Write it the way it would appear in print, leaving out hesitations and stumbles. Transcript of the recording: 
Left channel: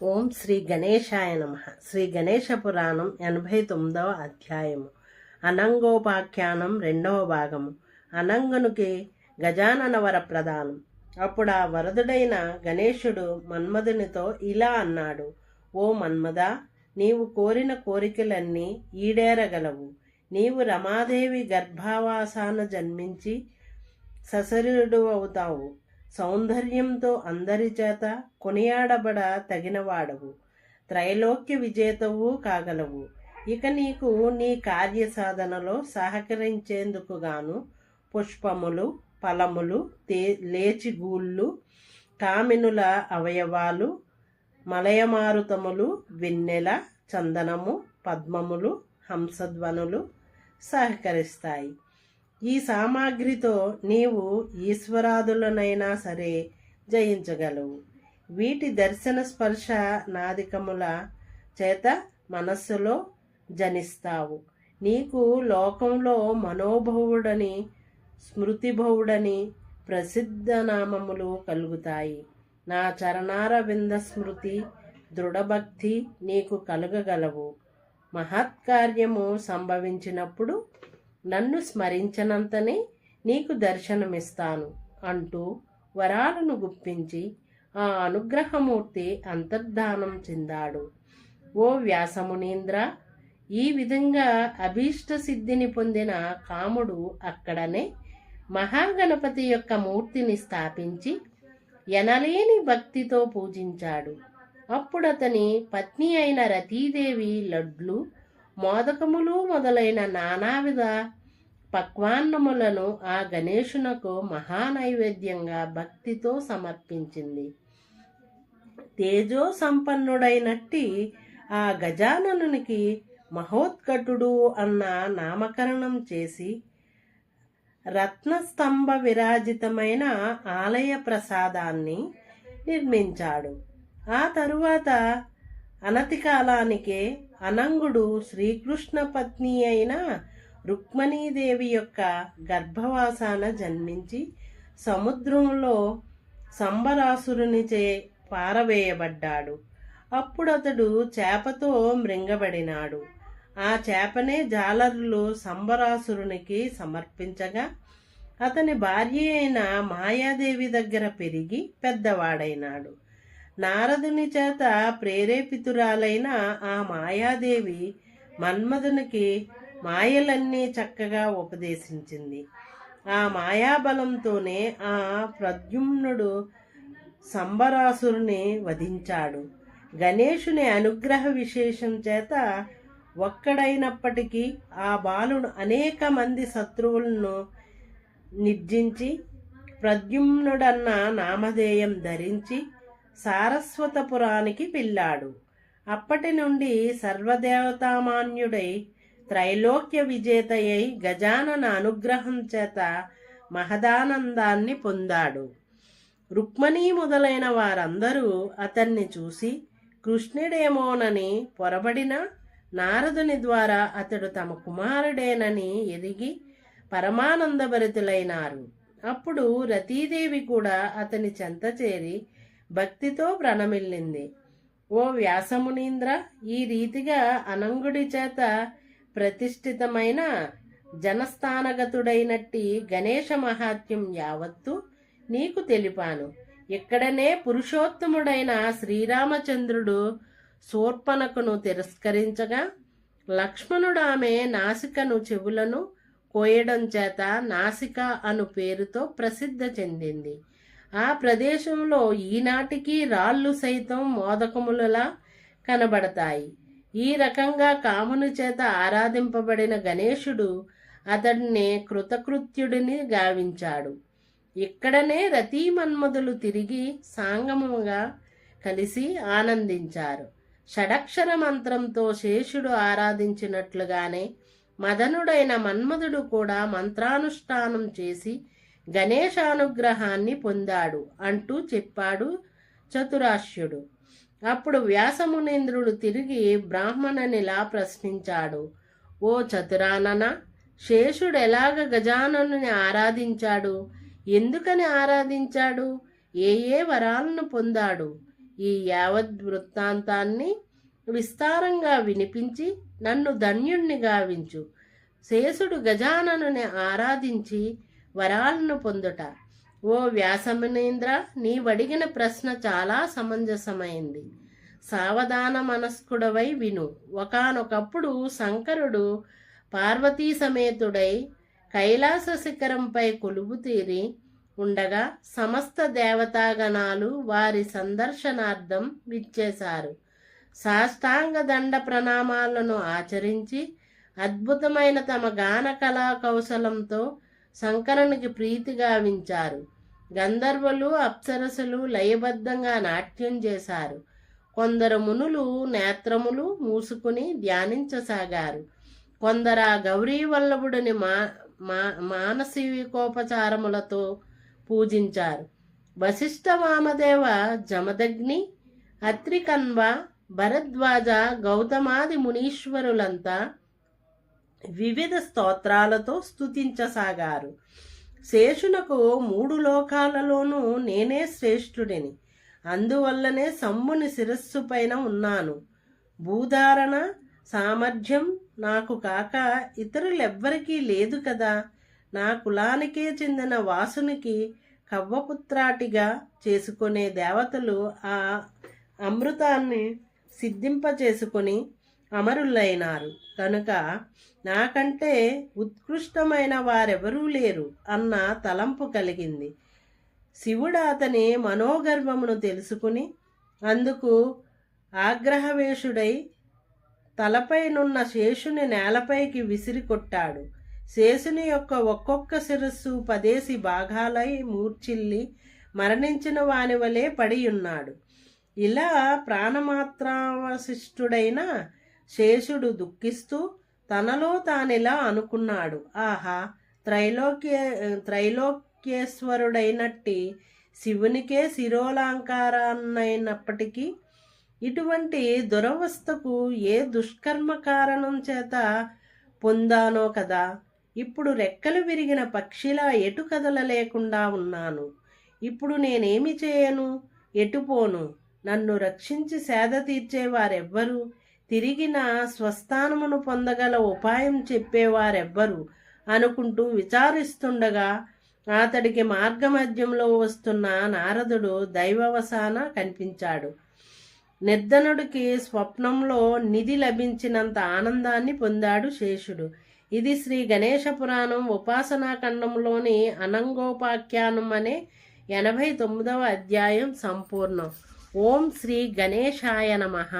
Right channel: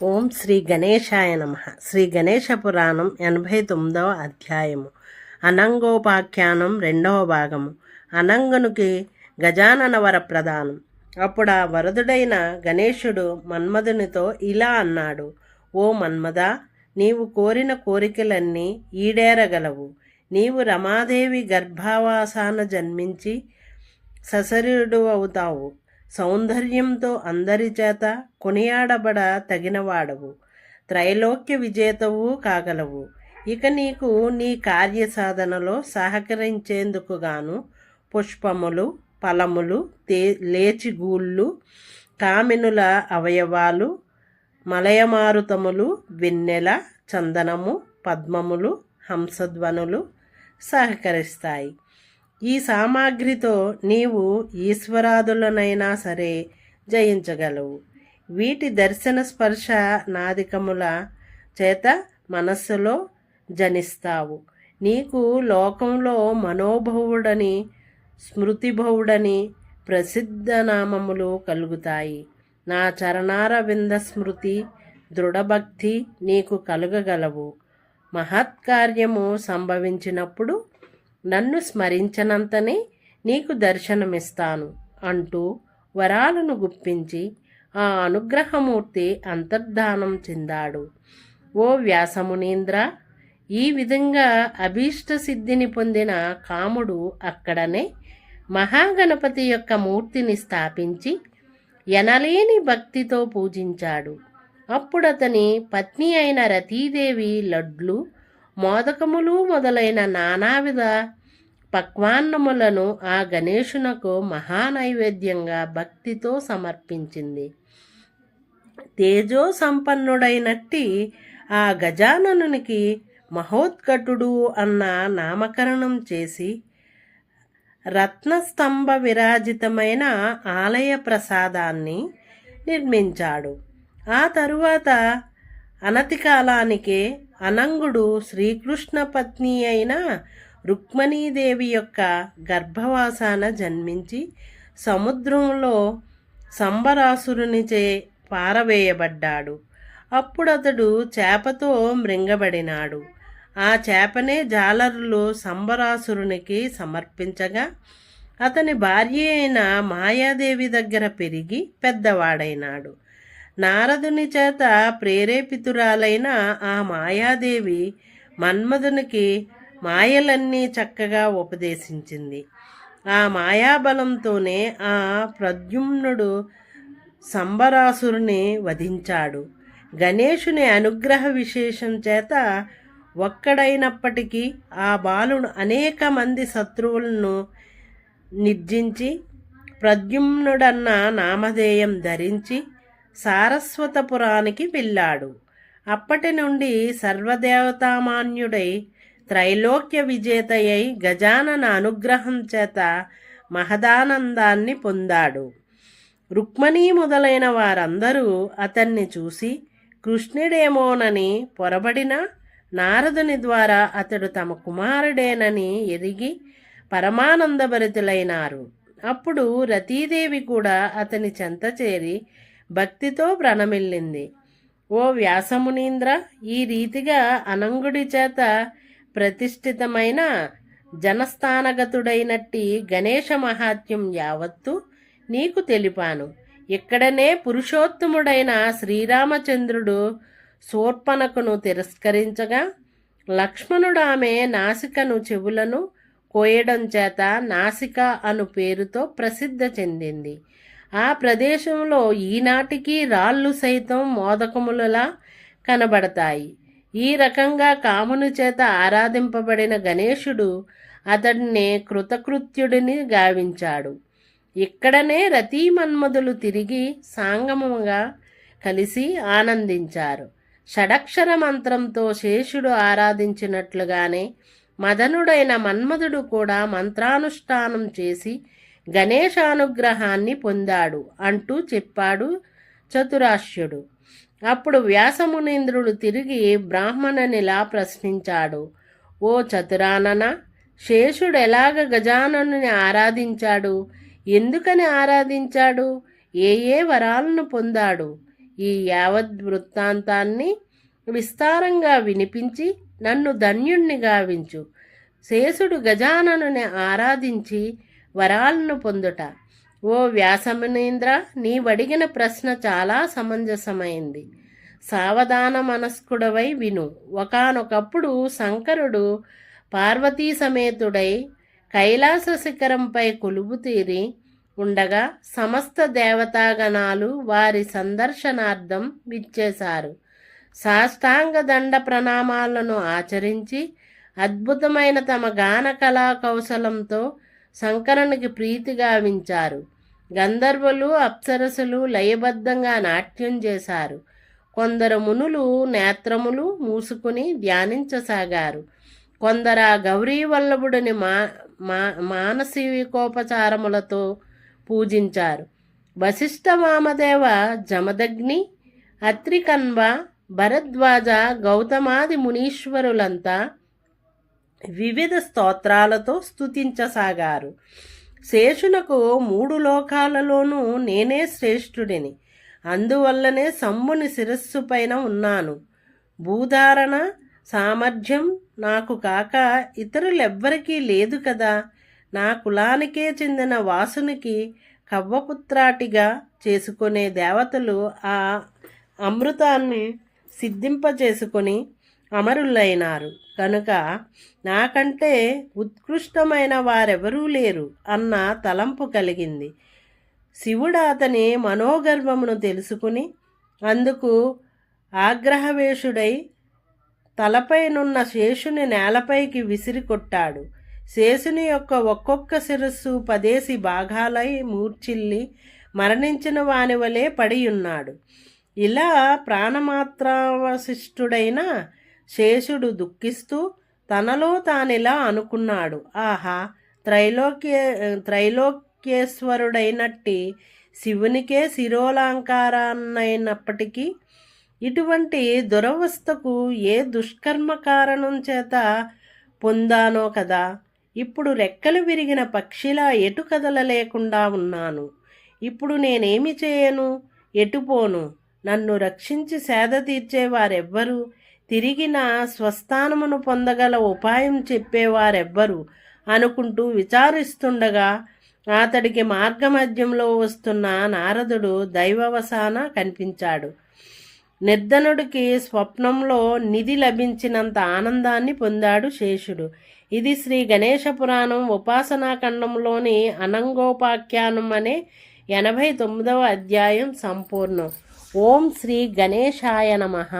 ఓం శ్రీ గణేశాయ నమ. శ్రీ గణేశ పురాణం 89వ అధ్యాయము. అనంగోపాఖ్యానం 2వ భాగము. అనంగనుకి గజానన వర ప్రదానం. అప్పుడు ఆ వరదుడైన గణేశుడు మన్మధునితో ఇలా అన్నాడు: ఓ మన్మథ, నీవు కోరిన కోరికలన్నీ ఈడేరగలవు. నీవు రమాదేవి గర్భావాసాన జన్మించి సశరీరుడు అవుతావు. సౌందర్యంతో అందరి చేత కొనియాడబడ తగినవాడవు. త్రైలోక్య విజేతవు కాగలవు. ఇక నీకు నీ కార్యసాధనలో సహకరించేందుకు గాను పుష్పములు, ఫలములు, లేచిగూళ్ళు, కామినుల అవయవాలు, మలయమారుతములు, వెన్నెల, చందనము, పద్మములు, హంసధ్వనులు సహకరిస్తాయి. ఈ సామాగ్రితో నీవు ఈశ్వరాదులనైనా సరే జయించగలవు. వీటి దర్శన స్పర్శ నాదికముల చేత మనస్సులో జనిస్తావు. నీకు లోకంలో మనోభవుడని, స్మృతిభవుడని ప్రసిద్ధ నామములు కలుగుతాయి. నా చరణారవింద స్మృతి, దృఢభక్తి నీకు కలుగగలవు. మహత్కార్యము సంభవించినప్పుడు నన్ను స్మరించనంతనే నీకు దర్శనమిస్తాను అంటూ వరాలను గుప్పించి ఆ అనుగ్రహమూర్తి అంతర్ధానం చెందాడు. ఓ వ్యాసమునీంద్ర, ఈ విధంగా అభీష్ట సిద్ధిని పొందిన కాముడు అక్కడనే మహాగణపతి యొక్క మూర్తిని స్థాపించి ఎనలేని భక్తితో పూజించాడు. అప్పుడతని పత్ని అయిన రతీదేవి లడ్లు, మోదకములు మొదలైన నానావిధ పక్వాన్నములను ఆ గణేశునకు మహానైవేద్యంగా భక్తితో సమర్పించింది. తేజో సంపన్నుడైనట్టి ఆ గజాననునికి మహోత్కటుడు అన్న నామకరణం చేసి రత్నస్తంభ విరాజితమైన ఆలయ ప్రసాదాన్ని నిర్మించాడు. ఆ తరువాత అనతి కాలానికే అనంగుడు శ్రీకృష్ణ పత్ని అయిన రుక్మిణీదేవి యొక్క గర్భవాసాన జన్మించి సముద్రంలో సంబరాసురునిచే పారవేయబడ్డాడు. అప్పుడతడు చేపతో మృంగబడినాడు. ఆ చేపనే జాలరులు సంబరాసురునికి సమర్పించగా అతని భార్య అయిన మాయాదేవి దగ్గర పెరిగి పెద్దవాడైనాడు. నారదుని చేత ప్రేరేపితురాలైన ఆ మాయాదేవి మన్మధునికి మాయలన్నీ చక్కగా ఉపదేశించింది. ఆ మాయాబలంతోనే ఆ ప్రద్యుమ్నుడు సంబరాసురుని వధించాడు. గణేశుని అనుగ్రహ విశేషం చేత ఒక్కడైనప్పటికీ ఆ బాలుడు అనేక మంది శత్రువులను నిర్జించి ప్రద్యుమ్నుడన్న నామధేయం ధరించి సారస్వతపురానికి వెళ్ళాడు. అప్పటి నుండి సర్వదేవతామాన్యుడై త్రైలోక్య విజేతయై గజానన అనుగ్రహం చేత మహదానందాన్ని పొందాడు. రుక్మిణి మొదలైన వారందరూ అతన్ని చూసి కృష్ణుడేమోనని పొరబడిన నారదుని ద్వారా అతడు తమ కుమారుడేనని ఎరిగి పరమానందభరితులైనారు. అప్పుడు రతీదేవి కూడా అతని చెంత చేరి భక్తితో ప్రణమిల్లింది. ఓ వ్యాసమునీంద్ర, ఈ రీతిగా అనంగుడి చేత ప్రతిష్ఠితమైన జనస్థానగతుడైనట్టి గణేశ మహాత్మ్యం యావత్తు నీకు తెలిపాను. ఇక్కడనే పురుషోత్తముడైన శ్రీరామచంద్రుడు శూర్పణఖను తిరస్కరించగా లక్ష్మణుడు ఆమె నాసికను, చెవులను కోయడం చేత నాసిక అను పేరుతో ప్రసిద్ధి చెందింది. ఆ ప్రదేశంలో ఈనాటికి రాళ్ళు సైతం మోదకములలా కనబడతాయి. ఈ రకంగా కాముని చేత ఆరాధింపబడిన గణేశుడు అతడిని కృతకృత్యుడిని గావించాడు. ఇక్కడనే రతీమన్మధులు తిరిగి సాంగముగా కలిసి ఆనందించారు. షడక్షర మంత్రంతో శేషుడు ఆరాధించినట్లుగానే మదనుడైన మన్మధుడు కూడా మంత్రానుష్ఠానం చేసి గణేశానుగ్రహాన్ని పొందాడు అంటూ చెప్పాడు చతురాశ్యుడు. అప్పుడు వ్యాసమునీంద్రుడు తిరిగి బ్రాహ్మణునిలా ప్రశ్నించాడు: ఓ చతురానన, శేషుడు ఎలాగ గజాననుని ఆరాధించాడు? ఎందుకని ఆరాధించాడు? ఏ ఏ వరాలను పొందాడు? ఈ యావద్ వృత్తాంతాన్ని విస్తారంగా వినిపించి నన్ను ధన్యుణ్ణి గావించు. శేషుడు గజాననుని ఆరాధించి వరాలను పొందుట. ఓ వ్యాసమునీంద్ర, నీవడిగిన ప్రశ్న చాలా సమంజసమైంది. సావధాన మనస్కుడవై విను. ఒకానొకప్పుడు శంకరుడు పార్వతీ సమేతుడై కైలాస శిఖరంపై కొలువుతీరి ఉండగా సమస్త దేవతాగణాలు వారి సందర్శనార్థం విచ్చేశారు. సాష్టాంగ దండ ప్రణామాలను ఆచరించి అద్భుతమైన తమ గాన కళా కౌశలంతో శంకరునికి ప్రీతి గావించారు. గంధర్వులు అప్సరసులు లయబద్ధంగా నాట్యం చేశారు. కొందరు మునులు నేత్రములు మూసుకుని ధ్యానించసాగారు. కొందరు గౌరీ వల్లభుడిని మానసికోపచారములతో పూజించారు. వశిష్ఠ వామదేవ జమదగ్ని అత్రికన్వ భరద్వాజ గౌతమాది మునీశ్వరులంతా వివిధ స్తోత్రాలతో స్తుతించసాగారు. శేషునకు 3 లోకాలలోనూ నేనే శ్రేష్ఠుడిని, అందువల్లనే శంభుని శిరస్సు పైన ఉన్నాను. భూధారణ సామర్థ్యం నాకు కాక ఇతరులెవ్వరికీ లేదు కదా. నా కులానికే చెందిన వాసునికి కవ్వపుత్రాటిగా చేసుకునే దేవతలు ఆ అమృతాన్ని సిద్ధింపచేసుకొని అమరులైనారు కనుక నాకంటే ఉత్కృష్టమైన వారెవరూ లేరు అన్న తలంపు కలిగింది. శివుడు అతని మనోగర్భమును తెలుసుకుని అందుకు ఆగ్రహవేశుడై తలపైనున్న శేషుని నేలపైకి విసిరి కొట్టాడు. శేషుని యొక్క ఒక్కొక్క శిరస్సు 10 భాగాలై మూర్ఛిల్లి మరణించిన వాని వలె పడియున్నాడు. ఇలా ప్రాణమాత్రావశిష్టుడైన శేషుడు దుఃఖిస్తూ తనలో తానిలా అనుకున్నాడు, ఆహా, త్రైలోక్యేశ్వరుడైనట్టి శివునికే శిరోలంకారాన్నైనప్పటికీ ఇటువంటి దురవస్థకు ఏ దుష్కర్మ కారణం చేత పొందానో కదా. ఇప్పుడు రెక్కలు విరిగిన పక్షిలా ఎటు కదలలేకుండా ఉన్నాను. ఇప్పుడు నేనేమి చేయను, ఎటుపోను? నన్ను రక్షించి సేద తీర్చేవారెవ్వరు? తిరిగి నా స్వస్థానమును పొందగల ఉపాయం చెప్పేవారెవ్వరు అనుకుంటూ విచారిస్తుండగా అతడికి మార్గమధ్యంలో వస్తున్న నారదుడు దైవవశాన కనిపించాడు. నిర్ధనుడికి స్వప్నంలో నిధి లభించినంత ఆనందాన్ని పొందాడు శేషుడు. ఇది శ్రీ గణేశ పురాణం ఉపాసనాఖండంలోని అనంగోపాఖ్యానం అనే 89వ అధ్యాయం సంపూర్ణం. ఓం శ్రీ గణేశాయ నమః.